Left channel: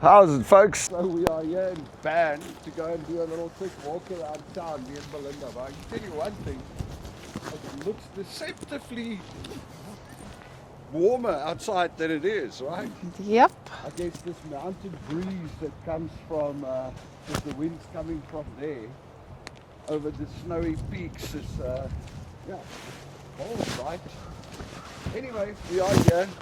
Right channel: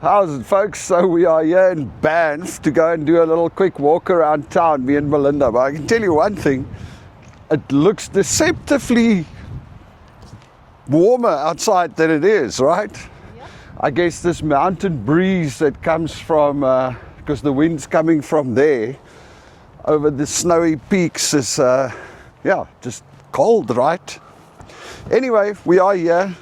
How's it, folks? So we are here in Banff to go and do a little quick walk around town, me and Melinda. But I can tell you one thing, it looks deceptively warmer outside than it is, right? Yep. I guess this mountain breeze that comes from, because the wind's coming from there, over the snowy peaks is, just cold, right? Anyway, we are here.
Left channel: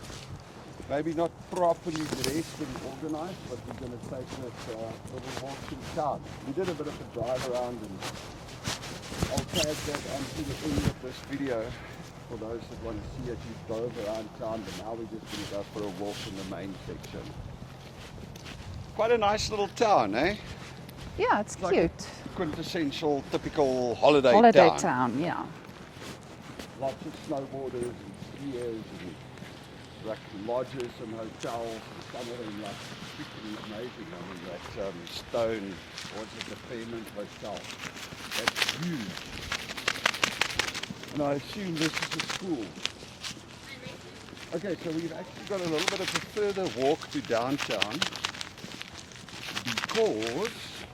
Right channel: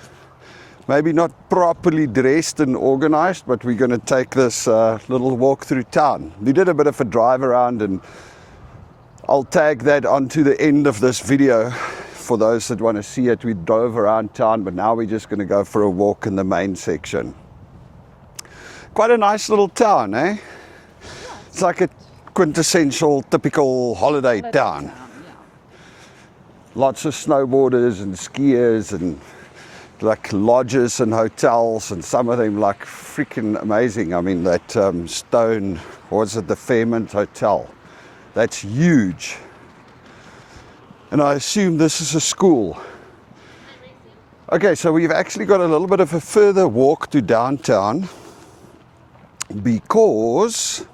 Maybe not properly dressed and organized, but we're going to take this little walk through town. We did a bit of a drive around, and I'll tag that onto the end of this video for those that want to see it. We drove around town, but now we're just going to go for a walk in the main section. Quite a nice little town, eh? Yeah, It's like a quintessential, typical holiday town. Yeah. Lots of snowboarders and skiers and like lodges and hotels, and some of them like freaking amazing. I mean, that stone, what's it, the Fairmont Hotel, that's huge. And I assume this is a school. Okay, so we've actually got a little bit of a further walk to downtown because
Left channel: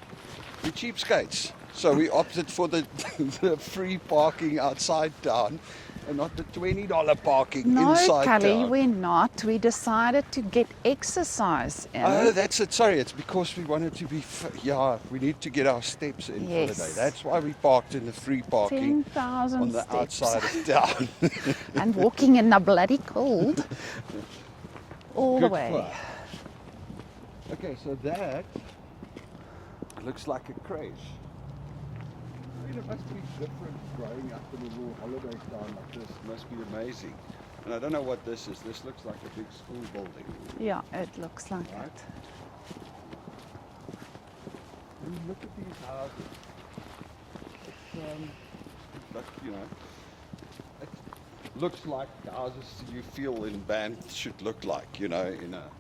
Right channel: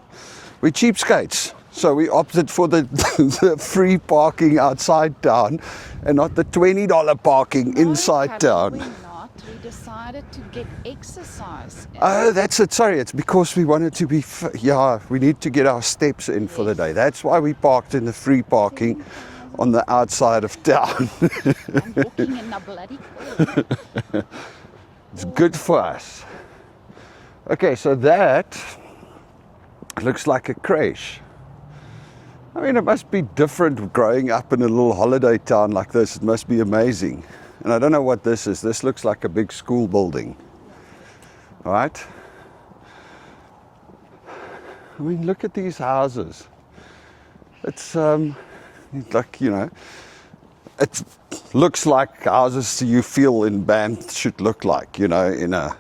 we're cheapskates. So we opted for the free parking outside town and not the $20 parking inside town. No, we're not. We decided to get exercise in. Oh, that's it. Sorry, it's because we wanted to be, we need to get our steps in for the day. That's why we parked in the free parking on the outside of town. And walking in the bloody cold. It's good for us. Okay, so that looks like a creche. I mean, it must be different growing up in a little holiday town like this. It must be amazing. And I don't know what this is. This looks like a big school building. Yeah, it looks like. Right? I mean, look at these houses. It's like, it looks like houses you feel in Banff should look like, in a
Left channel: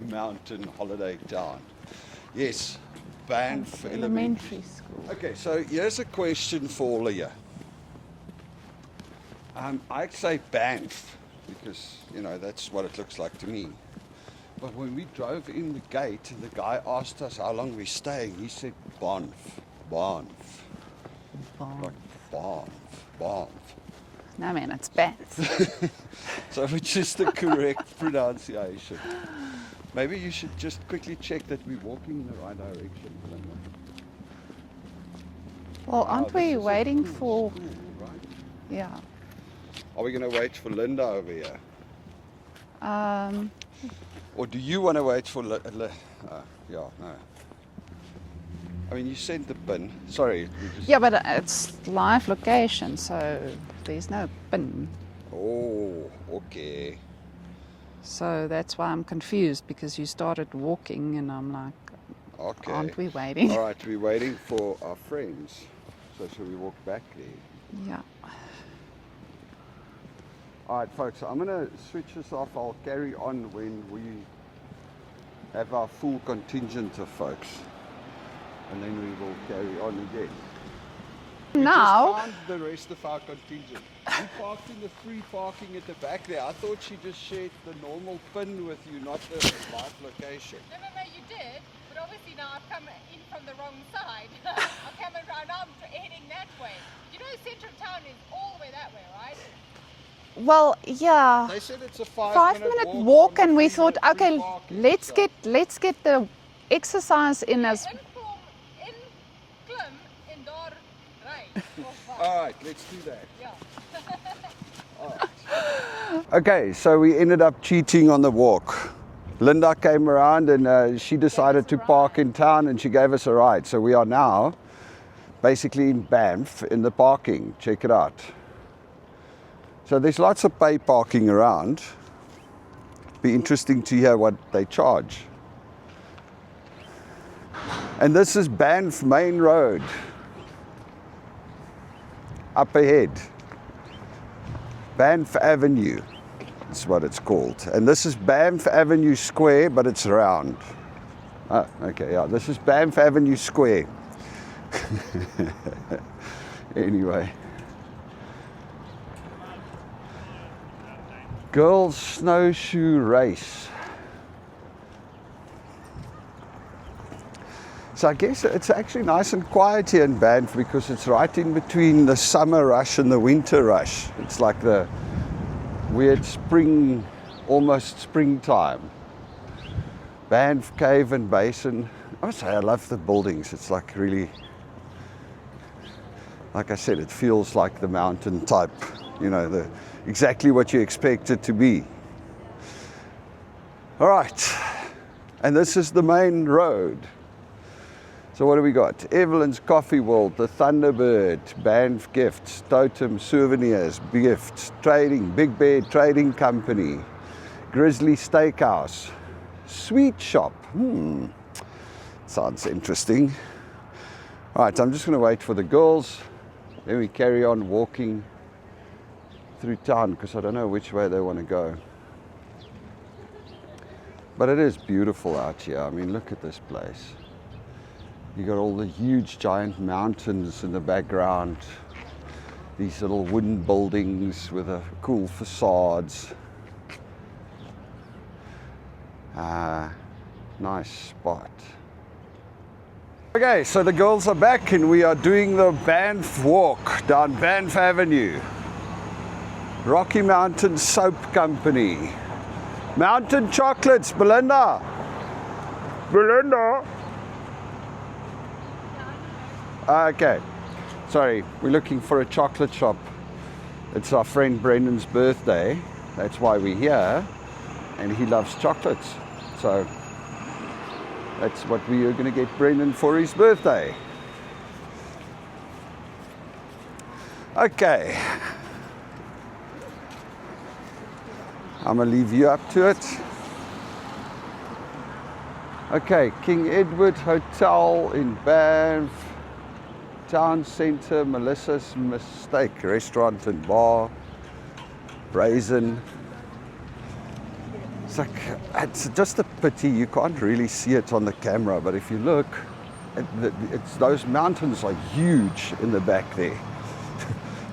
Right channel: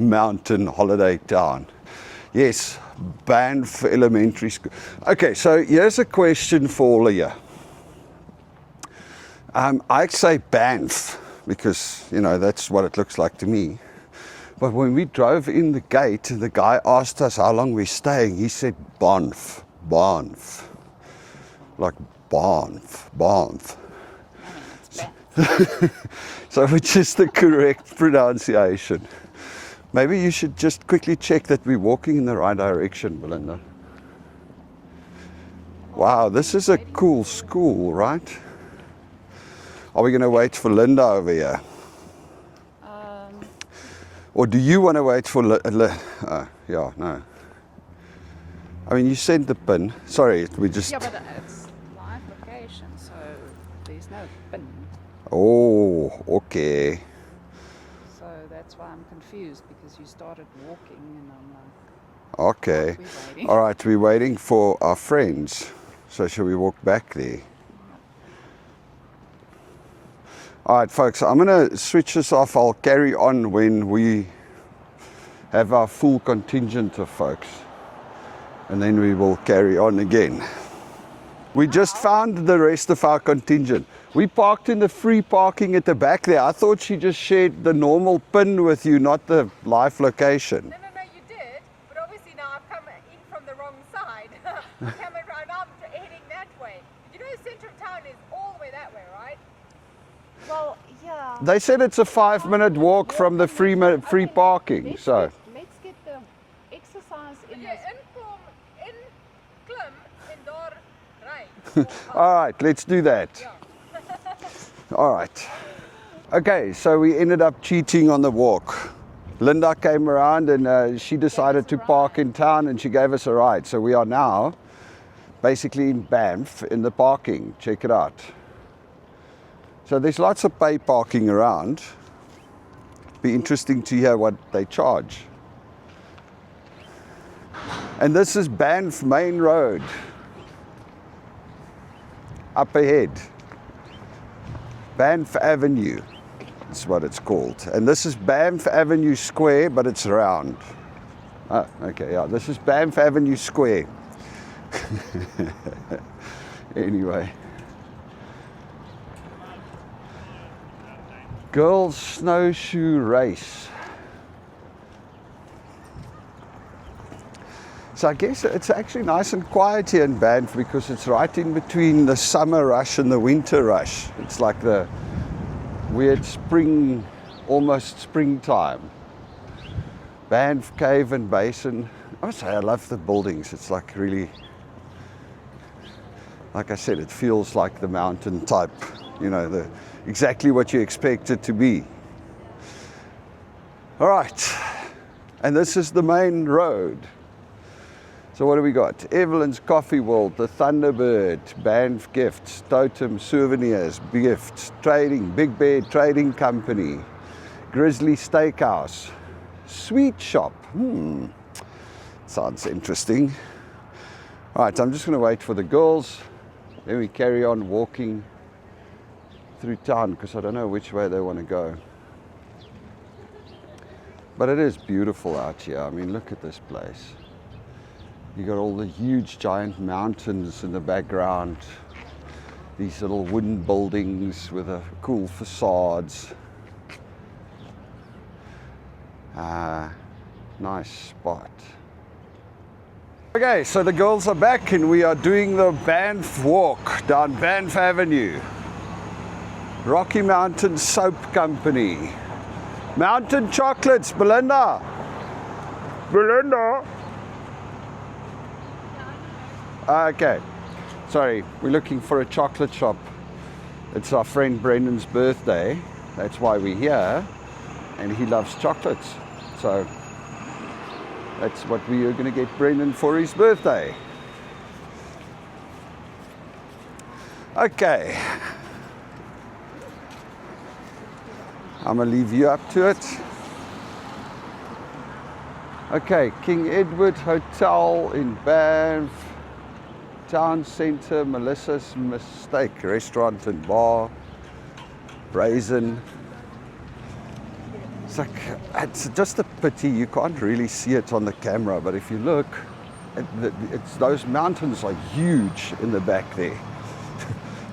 mountain holiday town. Yes. Banff Elementary School. Okay, so here's a question for all of you. I say Banff because, that's what it looks like to me. But when we drove in the gate, the guy asked us how long we're staying. He said Banff. Like Banff. No, man, it's Banff. So which is the correct pronunciation? Maybe you should just quickly check that we're walking in the right direction, Belinda. Well, wow, this is a cool school, right? Yeah. Are we going to wait for Linda over here? Or do you want to wait for no. I mean, you sent the pin. Sorry, we just... Yeah, but it's live location, so there's no pin. Oh, okay. So that's why I'm confused, because you started walking and I'm like, okay. Aren't we waiting? All right, we're waiting for our friends. So shall we walk back there? Yeah. All right, folks, I'm going to switch this off. I'll carry on when we have our full contingent of folks. And then we will carry on again. We just found the rest of our contingent. We parked in the free parking at the back there. I thought she just shared the normal pin with you, not the live location. No, you did. But obviously now I've come in from the wrong side. I'm coming around, I'm heading that way. You know central town is all the way that way, right? Well, yeah. They said it's a 5-minute walk from the free parking. Let's get the exercise in as... All right, let's do that. All right. Okay, so we ended up cheating on the walk. Linda came around and she decided to park in town, and she gave us a ride. So we are now basically in Banff in the parking. Check it out. So there's lots of pay parking around. Be interesting to hear what they charge. And this is Banff Main Road. Up ahead, Banff Avenue is what it's called. And this is Banff Avenue Square, but it's round. Oh, okay, yeah, this is Banff Avenue Square. Anyway. Girls Snowshoe Race. So I guess it's actually nice and quiet here in Banff because it's right in between the summer rush and the winter rush. It's like the weird spring, almost springtime. Banff Cave and Basin. I must say I love the buildings. It's like really, like I said, it feels like the mountain type, you know, exactly what you expect it to be. All right, and this is the main road. So what do we got? Evelyn's Coffee World, the Thunderbird, Banff Gifts, Totem Souvenirs, Gifts, Trading, Big Bear Trading Company, Grizzly Steakhouse, Sweet Shop. Sounds interesting. All right, I'm just going to wait for the girls. Then we carry on walking through town because I don't know which way they want to go. But it is beautiful out here. I mean, look at this place. You got all the huge giant mountains in the background. These little wooden buildings with cool facades. Nice spot. Okay, so the girls are back and we are doing the Banff walk down Banff Avenue. Rocky Mountain Soap Company. Mountain Chocolates, Belinda. Belinda. Okay, sorry, we're looking for a chocolate shop. It's our friend Brendan's birthday. That's why we're here. And he loves chocolates. So that's what we are going to get Brendan for his birthday. Okay. I'm going to leave you up to it. Okay, King Edward Hotel in Banff. Town Centre, Melissa's Mistake Restaurant and Bar. Brazen. It's just a pity you can't really see it on the camera, but if you look, those mountains are huge in the back there.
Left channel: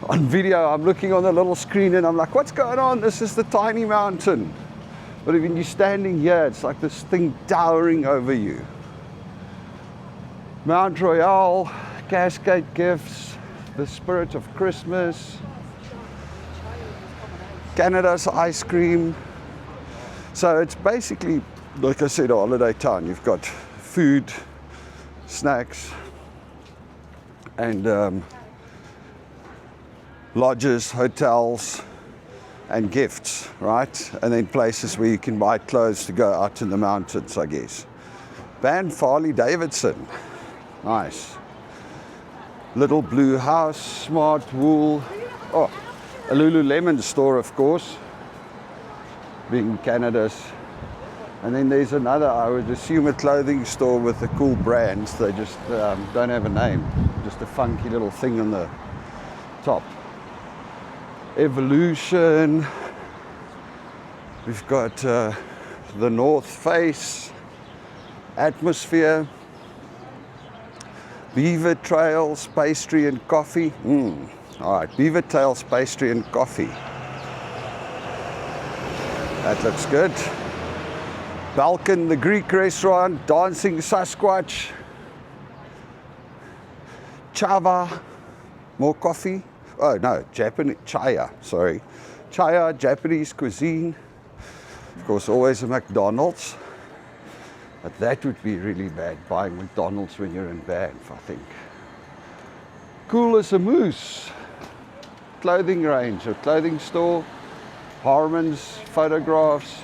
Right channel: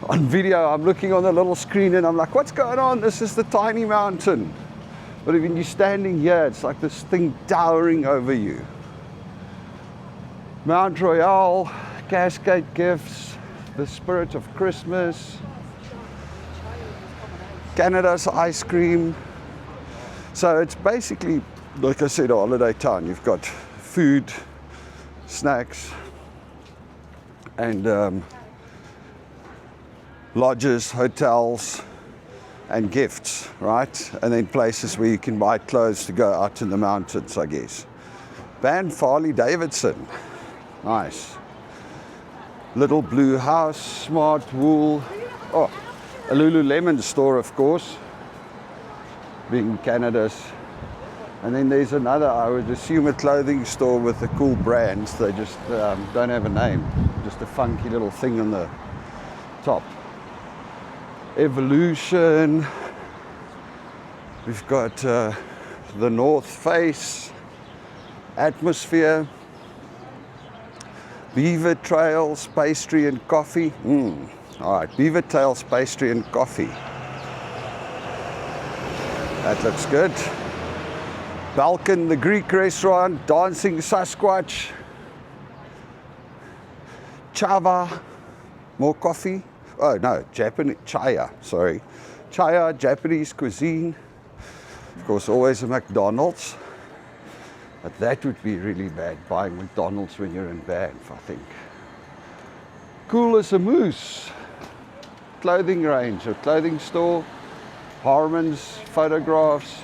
On video, I'm looking on the little screen and I'm like, what's going on? This is the tiny mountain. But when you're standing here, it's like this thing towering over you. Mount Royal, Cascade Gifts, the Spirit of Christmas, Canada's Ice Cream. So it's basically, like I said, a holiday town. You've got food, snacks, and lodges, hotels, and gifts, right? And then places where you can buy clothes to go out in the mountains, I guess. Banff Harley Davidson, nice. Little Blue House, Smart Wool. Oh, a Lululemon store, of course, being Canada's. And then there's another, I would assume, a clothing store with the cool brands. They just don't have a name, just a funky little thing on the top. Evolution. We've got the North Face, Atmosphere, Beaver Trails, Pastry and Coffee. All right, Beaver Trails, Pastry and Coffee. That looks good. Balkan, the Greek restaurant, Dancing Sasquatch. Chava, more coffee. Oh no, Japanese, Chaya, sorry. Chaya, Japanese cuisine. Of course, always a McDonald's. But that would be really bad, buying McDonald's when you're in Banff, I think. Cool as a moose. Clothing range, a clothing store. Harmon's Photographs.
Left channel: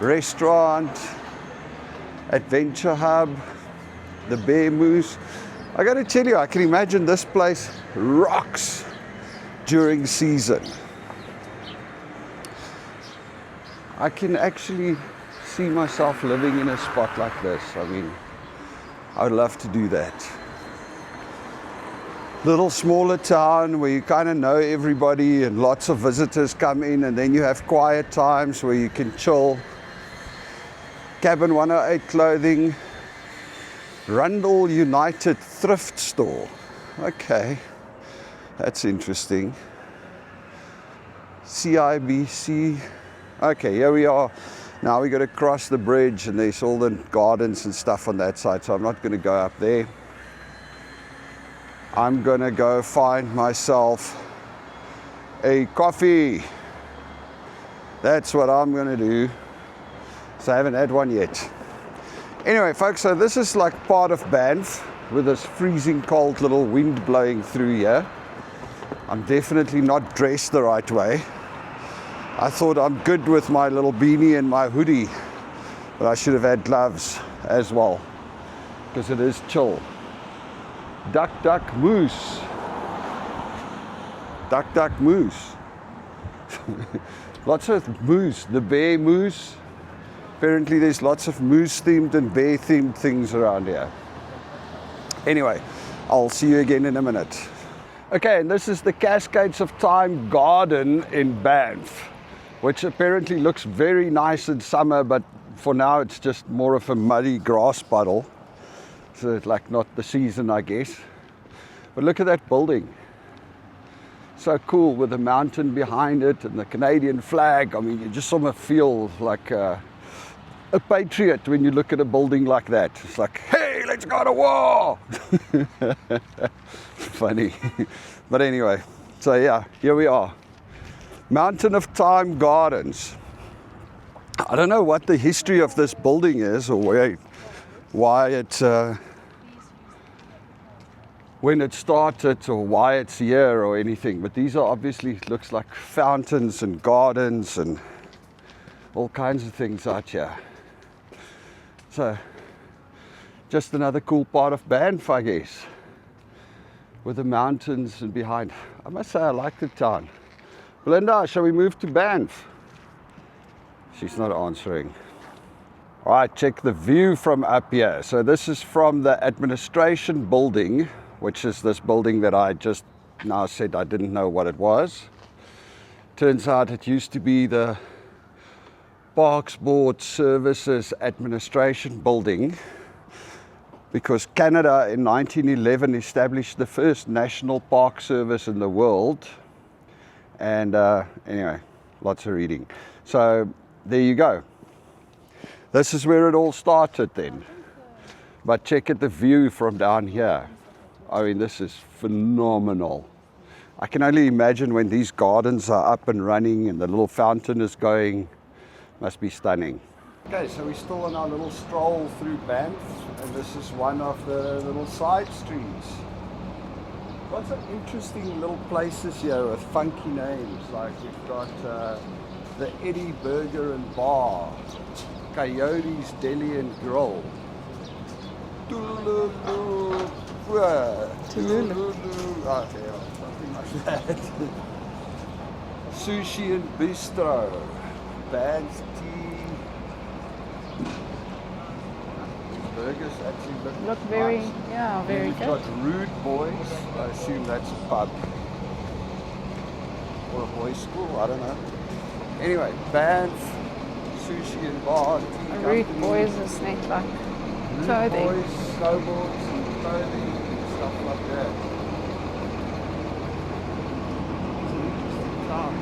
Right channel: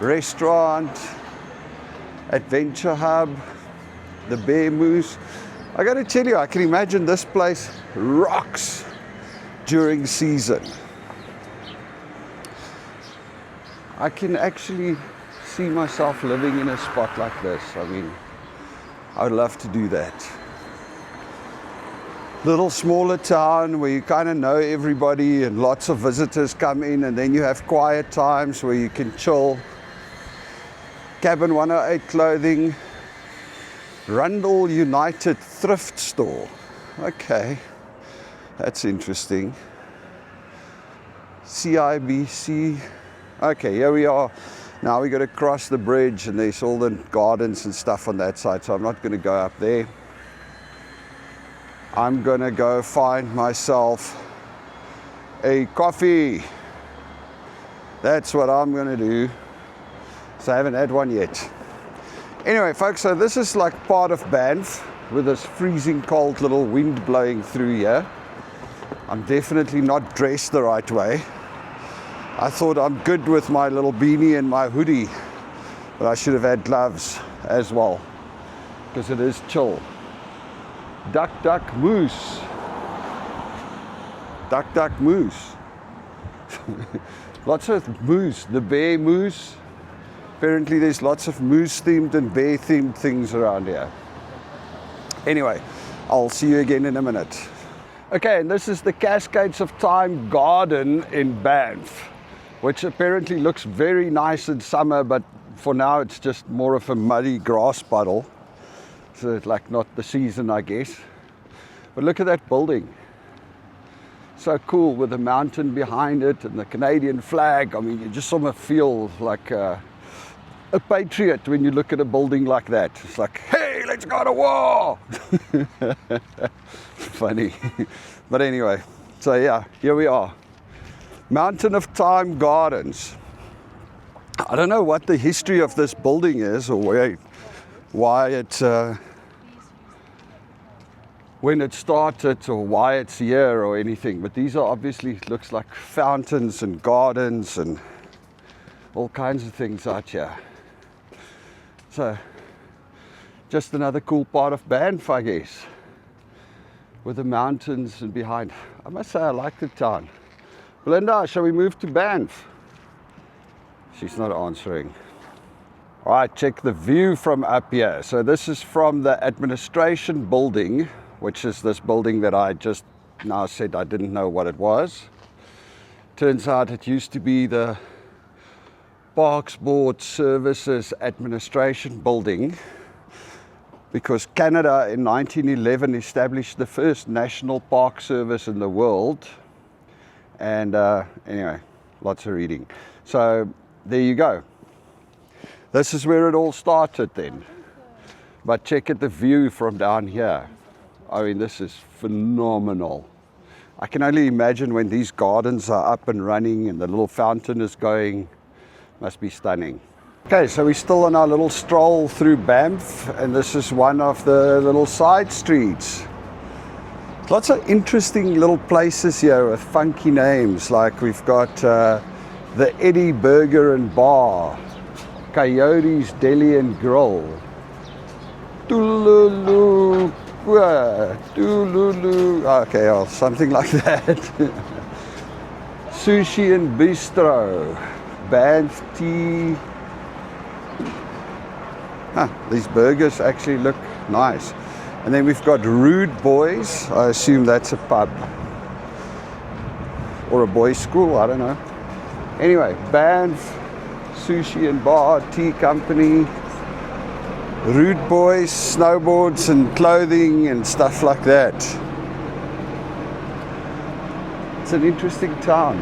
Restaurant. Adventure Hub. The Bear Moose. I gotta tell you, I can imagine this place rocks during season. I can actually see myself living in a spot like this. I mean, I would love to do that. Little smaller town where you kind of know everybody and lots of visitors come in, and then you have quiet times where you can chill. Cabin 108 Clothing. Rundle United Thrift Store. Okay, that's interesting. CIBC. Okay, here we are Now we got to cross the bridge, and there's all the gardens and stuff on that side, so I'm not going to go up there. I'm going to go find myself a coffee. That's what I'm going to do. So I haven't had one yet. Anyway, folks, so this is like part of Banff with this freezing cold little wind blowing through here. I'm definitely not dressed the right way. I thought I'm good with my little beanie and my hoodie, but I should have had gloves as well, because it is chill. Duck, duck, moose. Duck, duck, moose. Lots of moose, the bear moose. Apparently there's lots of moose themed and bear themed things around here. Anyway, I'll see you again in a minute. Okay, and this is the Cascades of Time garden in Banff, which apparently looks very nice in summer, but for now it's just more of a muddy grass puddle. So it's like not the season, I guess. But look at that building. So cool, with the mountain behind it and the Canadian flag. I mean, you just sort of feel like a patriot when you look at a building like that. It's like, hey, let's go to war! Funny. But anyway, so yeah, here we are. Mountain of Time Gardens. I don't know what the history of this building is, or why it, when it started, or why it's here or anything. But these are obviously, looks like fountains and gardens and all kinds of things out here. So, just another cool part of Banff, I guess, with the mountains and behind. I must say I like the town. Belinda, shall we move to Banff? She's not answering. All right, check the view from up here. So this is from the administration building, which is this building that I just now said I didn't know what it was. Turns out it used to be the Parks Board Services Administration Building, because Canada in 1911 established the first national park service in the world. And anyway, lots of reading. So there you go. This is where it all started then. But check out the view from down here. I mean, this is phenomenal. I can only imagine when these gardens are up and running and the little fountain is going. Must be stunning. Okay, so we're still on our little stroll through Banff, and this is one of the little side streets. Lots of interesting little places here with funky names, like we've got the Eddie Burger and Bar, Coyote's Deli and Grill, Tululu, Tululu, okay, oh, something like that. Sushi and Bistro, Banff Tea. These burgers actually look nice. Yeah, and then we've got Rude Boys. I assume that's a pub or a boys' school, I don't know. Anyway, Banff Sushi and Bar Tea Company. Rude Boys, snowboards and clothing and stuff like that. It's an interesting town.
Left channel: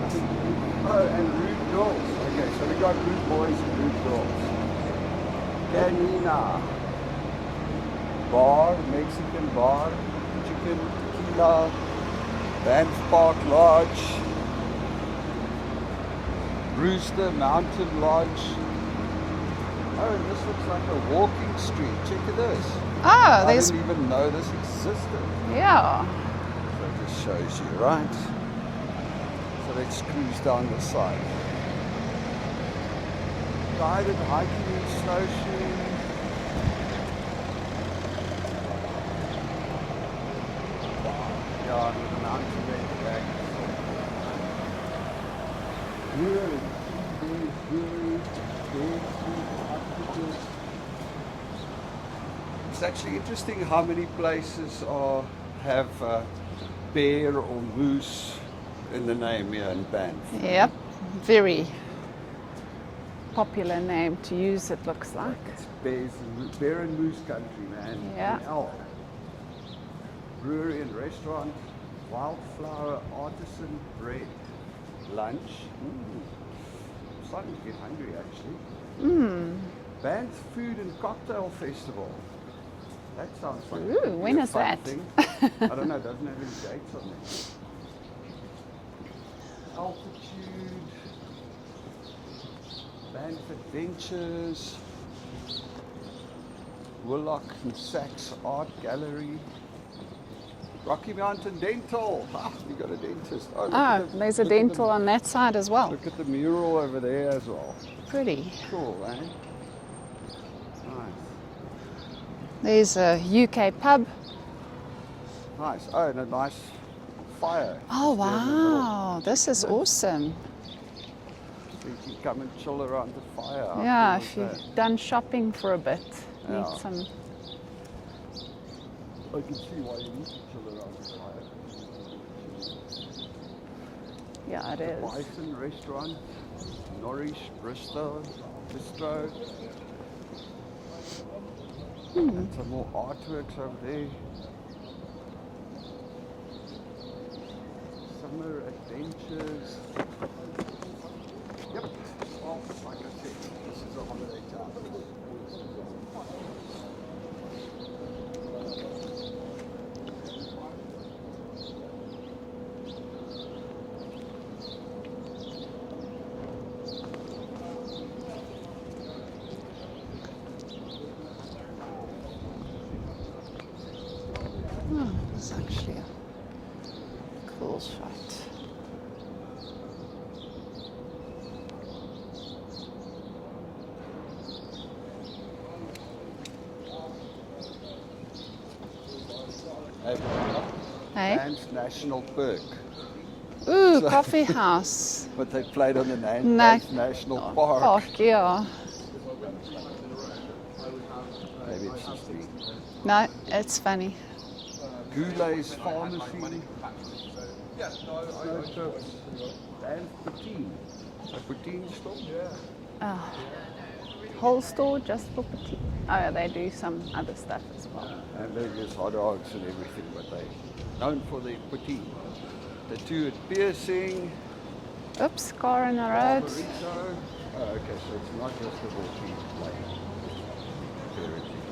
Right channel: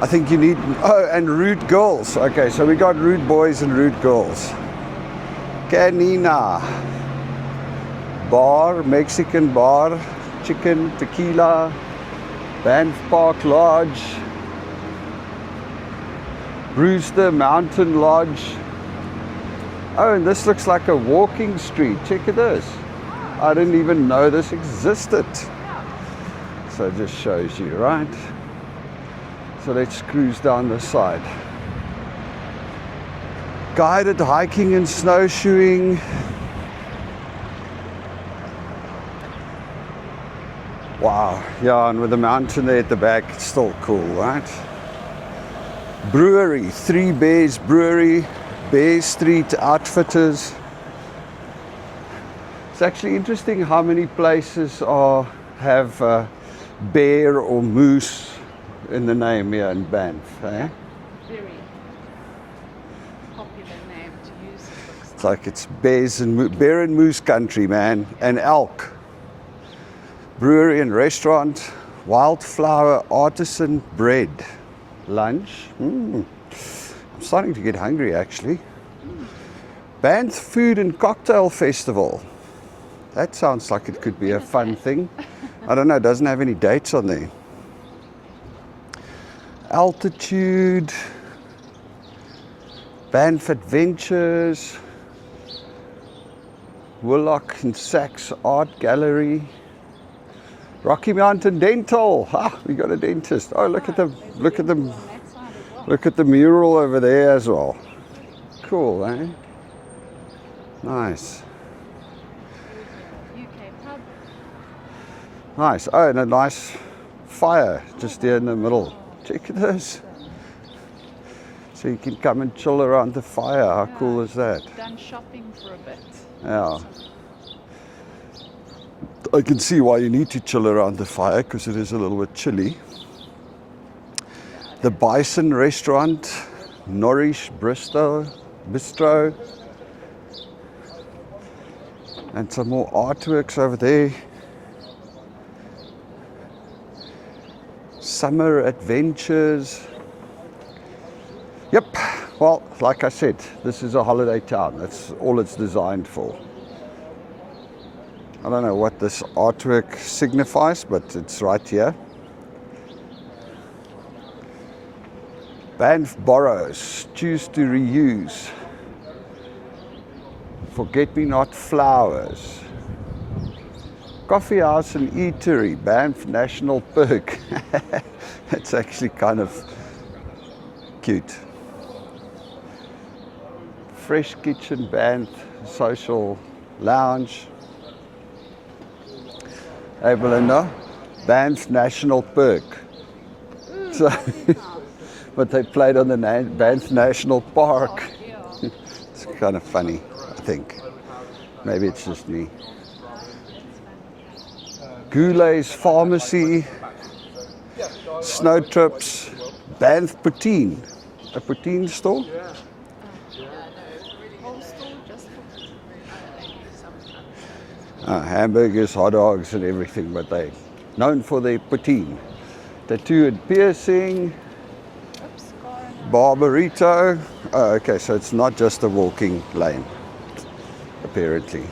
I think you need, oh, and Rude Girls. Okay, so we got Rude Boys and Rude Girls. Canina Bar, Mexican bar, chicken, tequila, Banff Park Lodge, Brewster Mountain Lodge. Oh, and this looks like a walking street. Check it this. Ah, I didn't even know this existed. Yeah. So it just shows you, right? So let's cruise down this side. Guided hiking and snowshoeing. Wow, yeah, and with the mountain there at the back, it's still cool, right? Brewery, Three Bears Brewery, Bear Street Outfitters. It's actually interesting how many places have bear or moose in the name here in Banff. Yep, very popular name to use, it looks like. It's like it's bear and moose country, man, Yeah. and elk. Brewery and restaurant, Wildflower Artisan Bread. Lunch. starting to get hungry actually. Banff Food and Cocktail Festival. That sounds like it could be when a is fun that? thing. I don't know, it doesn't have any dates on there. Altitude, Banff Adventures, Willock and Sachs Art Gallery, Rocky Mountain Dental. Ah, we got a dentist. Oh, look at the There's a look at dental the on that side as well. look at the mural over there as well. Pretty. Cool, eh? Nice. There's a UK pub. Nice. Oh, and a nice fire just Oh, there in the middle. wow. This Check is this. awesome. So you can come and chill around the fire. How Yeah, cool is if that? you've done shopping for a bit. Yeah. Some- I can see why you need to chill around the fire because it is a little bit chilly. yeah, it The is. Bison Restaurant, Norwich Bistro, and some more artworks over there. Summer Adventures. Yep, well, like I said, this is a holiday town. That's all it's designed for. I don't know what this artwork signifies, but it's right here. Banff Borrows, choose to reuse. Forget-me-not flowers. Coffee house and eatery, Banff National Park. It's actually kind of cute. Fresh Kitchen, Banff Social Lounge. Hey Belinda, Hey. Banff National Park. Ooh, So- coffee house. But they played on the Banff National Park. Park, yeah. It's kind of funny, I think. Maybe it's just me. No, it's funny. Goulet's Pharmacy, Snow Trips, Banff Poutine. A poutine store? Whole store just for. Oh, they do some other stuff as well. Hamburgers, hot dogs and everything, but they're known for their poutine. Tattoo and piercing, Oops, car in the road. Barbarito. Oh, okay, so it's not just a walking lane, apparently.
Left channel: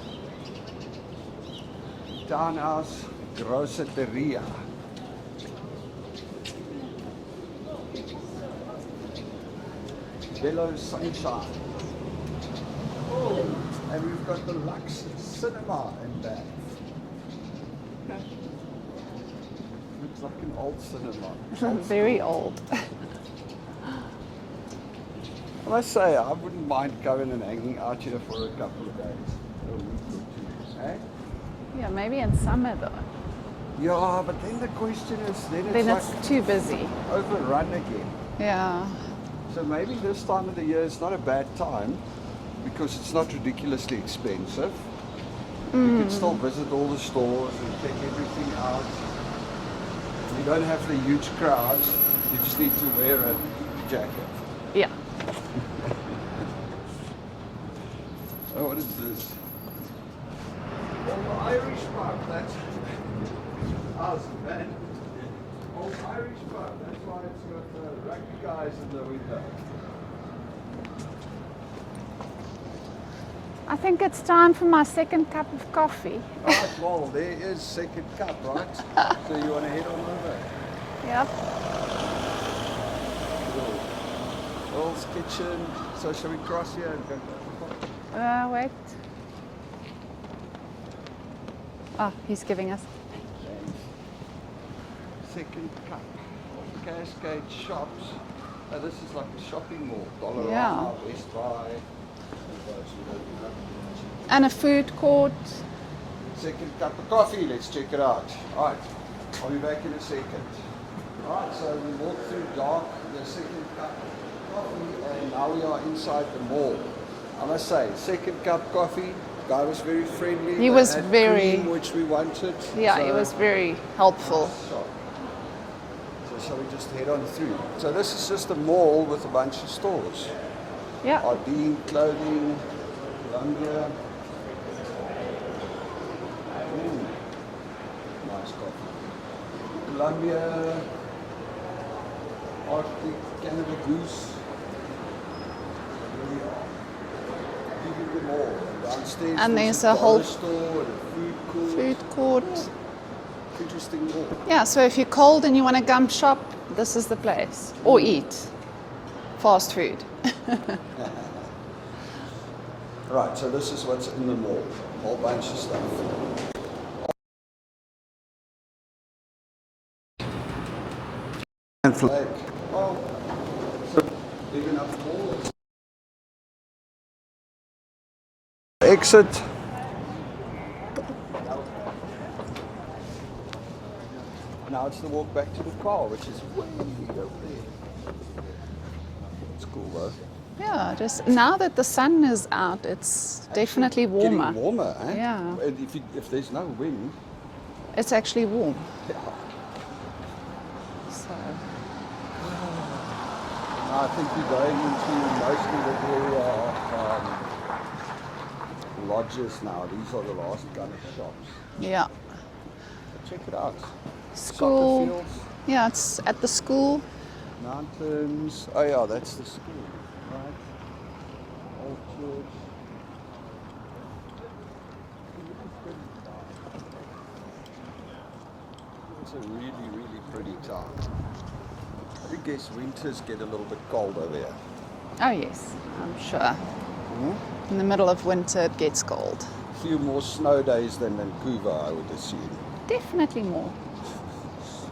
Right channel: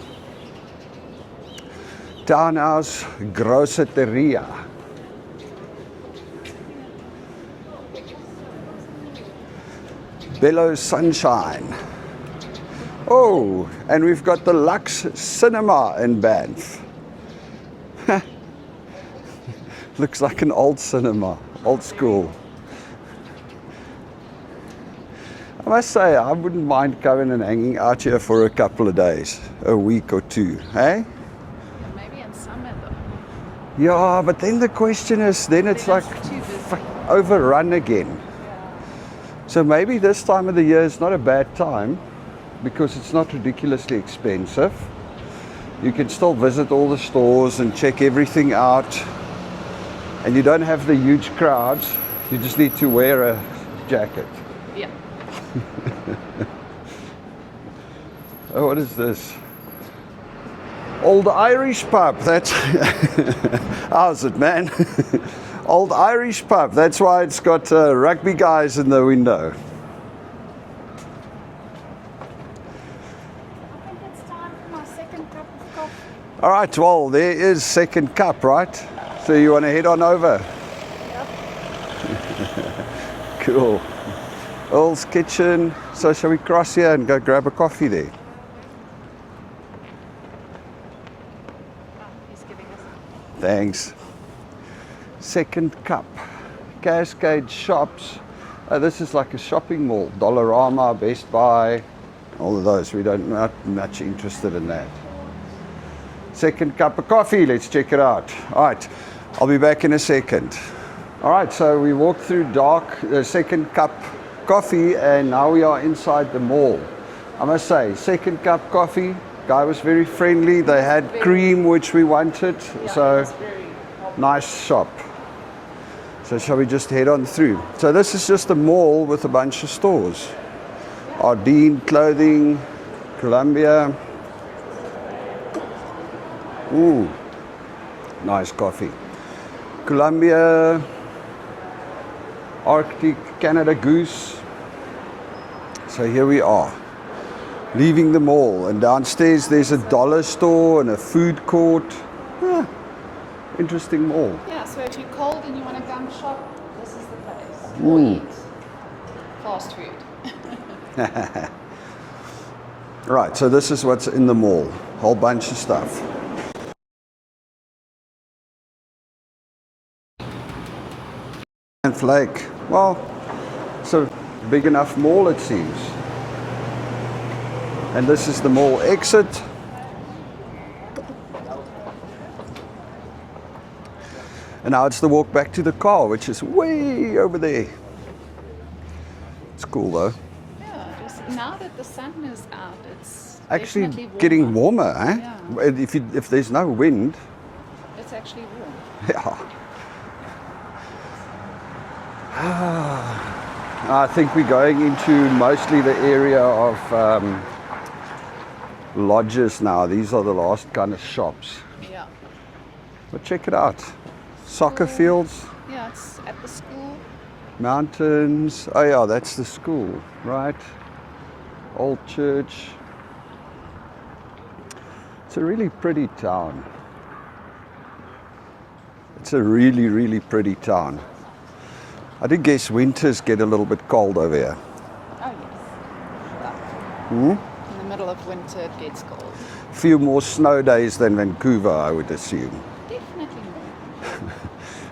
Townhouse Grosseteria. Bellow Sunshine. Oh, and we've got the Lux Cinema in Banff. Looks like an old cinema, old Very school. old. I must say, I wouldn't mind coming and hanging out here for a couple of days, a week or two, hey? Yeah, maybe in summer though. Yeah, but then the question is, then it's Then like it's too busy. overrun again. Yeah. So maybe this time of the year is not a bad time because it's not ridiculously expensive. You can still visit all the stores and check everything out. And you don't have the huge crowds. You just need to wear a jacket. Yeah. Oh, what is this? Old Irish pub. That's how's it, man? Old Irish pub. That's why it's got rugby guys in the window. I think it's time for my second cup of coffee. All right, well, there is second cup, right? So you want to head on over? Yep. Cool. Earl's Kitchen. So shall we cross here and go grab a coffee there? Wait. Oh, he's giving us. Thanks. Second cup. Cascades shops. This is like a shopping mall. Dollarama, Yeah. Best Buy, all of those. We don't not much interested And a in food that. court. Second cup of coffee. Let's check it out. All right. I'll be back in a second. All right. So we walked through dark, the second cup coffee, and now we are inside the mall. I must say, second cup coffee. Guy was very friendly. He They was had very- cream, which we wanted. Yeah, so it was very helpful. nice shop. So shall we just head on through? So this is just a mall with a bunch of stores. Yeah. Ardeen Clothing, Columbia. Ooh, nice coffee. Columbia, Arctic, Canada Goose. So here we are, leaving the mall, and downstairs And there's there's a a dollar whole store and a food court. Food court. Yeah, interesting mall. Yeah, so if you're cold and you want to gum shop, this is the place. Or eat fast food. Right, so this is what's in the mall. Whole bunch of stuff. And Flake. Well, it's a big enough mall, it seems. And this is the mall exit. And now it's the walk back to the car, which is way over there. It's cool though. Yeah, just now that the sun is out, it's Actually definitely warmer. getting warmer, eh? Yeah. If there's no wind, It's actually warm. yeah. So, I think we're going into mostly the area of lodges now. These are the last kind of shops. yeah. But check it out. Soccer School. fields, Yeah, it's at the school. mountains. Oh yeah, that's the school, right? Old church. It's a really pretty town. It's a really, really pretty town. I do guess winters get a little bit cold over here. Oh, yes, I'm sure. In the middle of winter, it gets cold. A few more snow days than Vancouver, I would assume. Definitely more.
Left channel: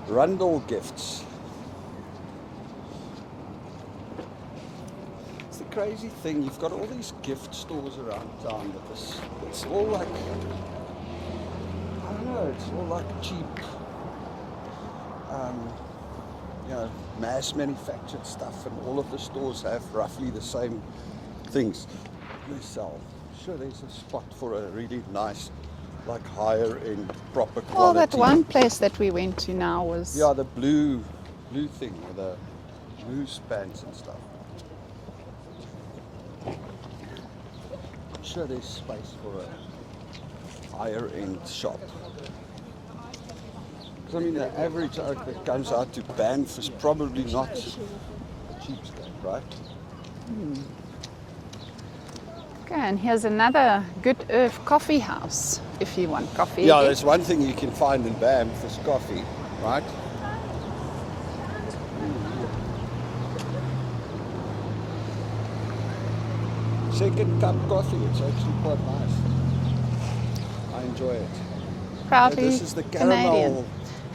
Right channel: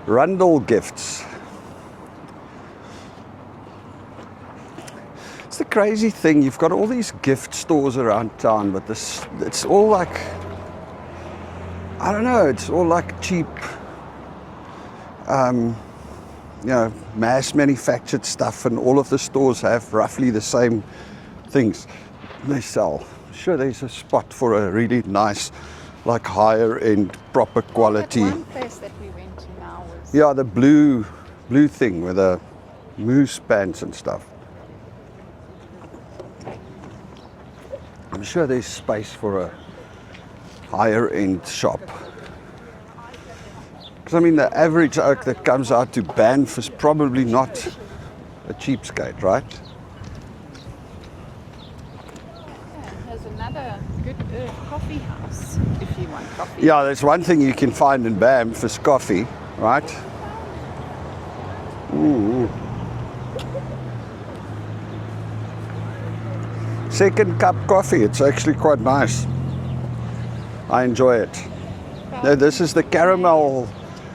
Rundle gifts. It's the crazy thing, you've got all these gift stores around town, but this, it's all like, I don't know, it's all like cheap, you know, mass manufactured stuff, and all of the stores have roughly the same things they sell. Sure, there's a spot for a really nice, like higher end, proper Well, that quality. one place that we went to now was... Yeah, the blue thing with the moose pants and stuff. I'm sure there's space for a higher end shop. Because I mean, the average oak that comes out to Banff is probably not a cheapskate, right? Okay, and here's another Good Earth coffee house, if you want coffee. Yeah, there's one thing you can find in Banff is coffee, right? Ooh. Second cup coffee, it's actually quite nice. I enjoy it. Proudly This is the caramel.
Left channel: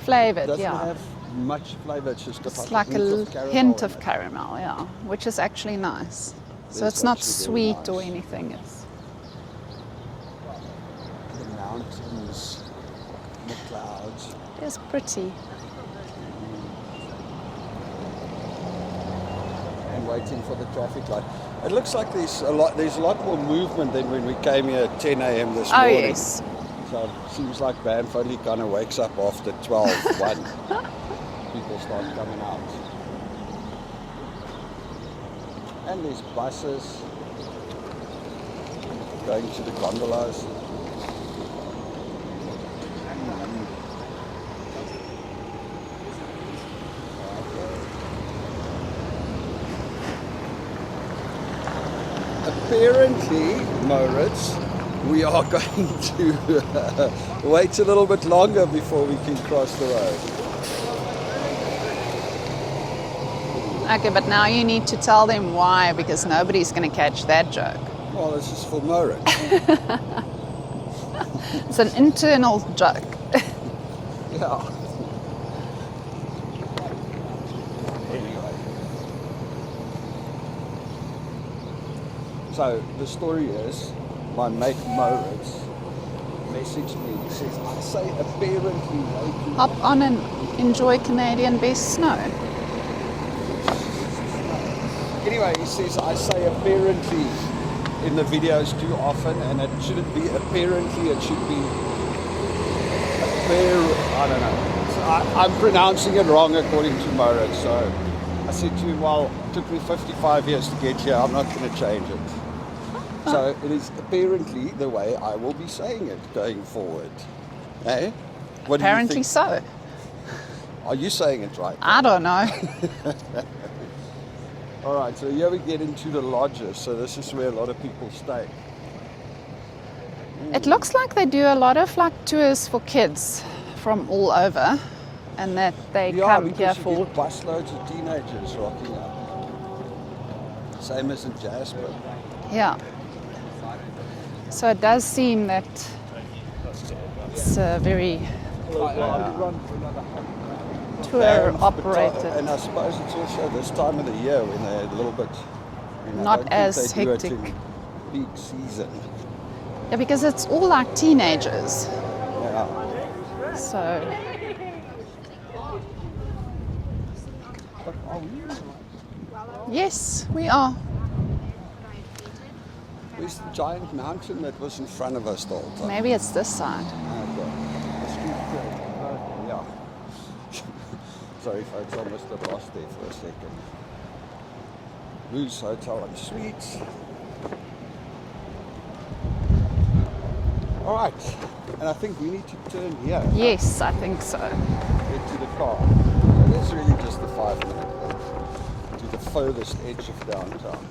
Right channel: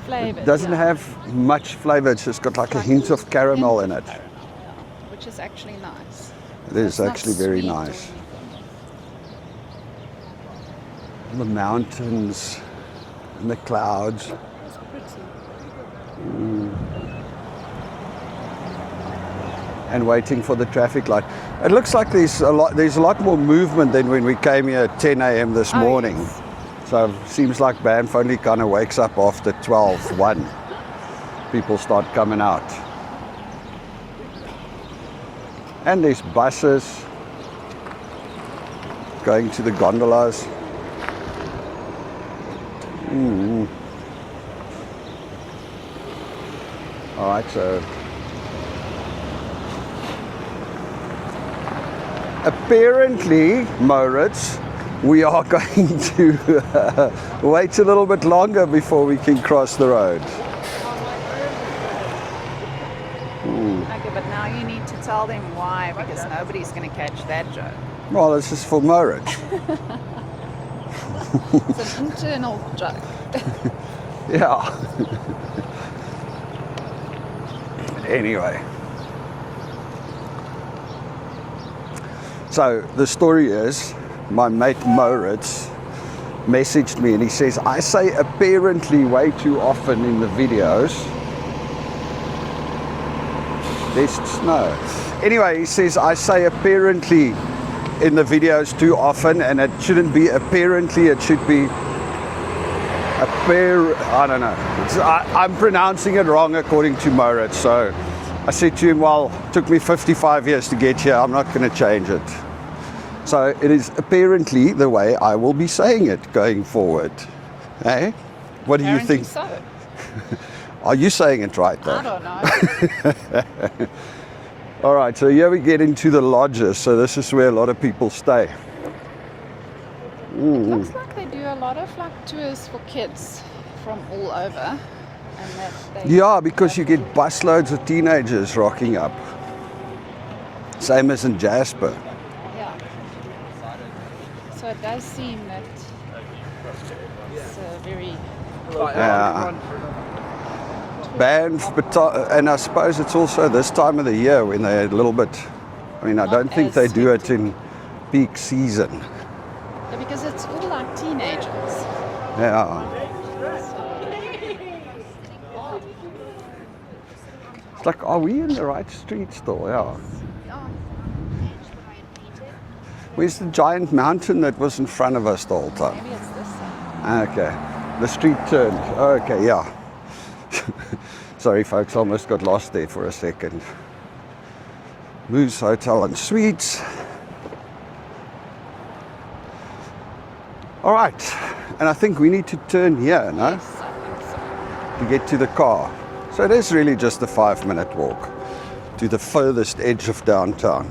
flavored. It doesn't yeah. have much flavor, it's just got It's like a hint of caramel in it. Caramel, yeah, which is actually nice. It So is it's not actually very sweet nice. or anything. The mountains and the clouds. It's pretty. And waiting for the traffic light. It looks like there's a lot more movement than when we came here at 10 a.m. this Oh, morning. yes. So it seems like Banff only kind of wakes up after 12, 1. People start coming out. And there's buses going to the gondolas. All right, so apparently, Moritz, we are going to wait a little bit longer before we can cross the road. Okay, but now you need to tell them why, because nobody's going to catch that joke. Well, this is for Moritz. It's an internal joke. Yeah. Anyway. So the story is, my mate Moritz messaged me and he says, I say apparently way too often in the videos. Enjoy Canadian best snow. Best snow. Anyway, he says, I say apparently in the videos too often, and it shouldn't be apparently, it should be I don't know. I'm pronouncing it wrong according to Moritz. So I said to him, well, it took me 55 years to get here. I'm not going to change it. So it is apparently the way I will be saying it going forward. Eh? What do you Apparently think? so. Are you saying it right? Though? I don't know. All right, so here we get into the lodges. So this is where a lot of people stay. It looks like they do a lot of like tours for kids from all over, and that they Yeah, come because you here get busloads of teenagers rocking up. Same as in Jasper. Yeah. So it does seem that it's very Yeah. tour Banff, operated. and I suppose it's also this time of the year when they're a little bit, I mean, I Not don't think as they do it hectic. in peak season. Yeah, because it's all like teenagers. Yeah. So It's like, are we in the right street still? Yeah. yes, we are. Where's the giant mountain that was in front of us the whole time? Maybe it's this side. Okay. The street turned. Okay, yeah. Sorry, folks, I almost got lost there for a second. Moose Hotel and Suites. All right, and I think we need to turn here no? Yes, I think so. to get to the car. So it is really just a 5-minute walk to the furthest edge of downtown.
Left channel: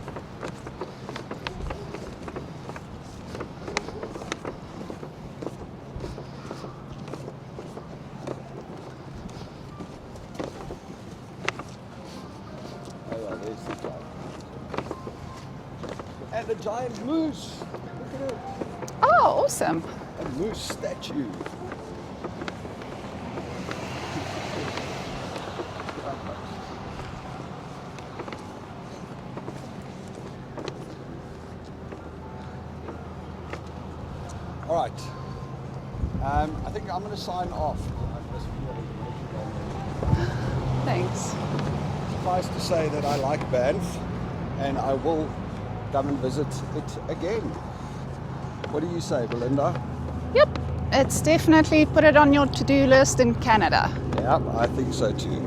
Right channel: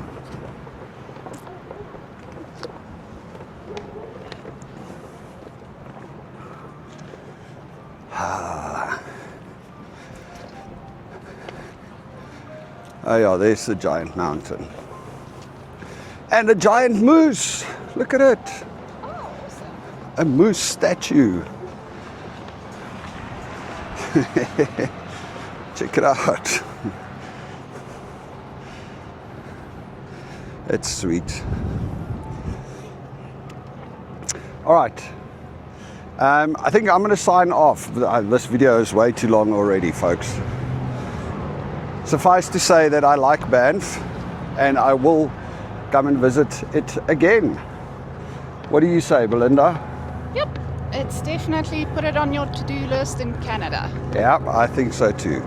Oh yeah, there's the giant mountain. And a giant moose. Look at it. Oh, awesome. A moose statue. Check it out. That's sweet. All right. I think I'm going to sign off. This video is way too long already, folks. Thanks. Suffice to say that I like Banff and I will come and visit it again. What do you say, Belinda? Yep. It's definitely put it on your to-do list in Canada. Yeah, I think so too.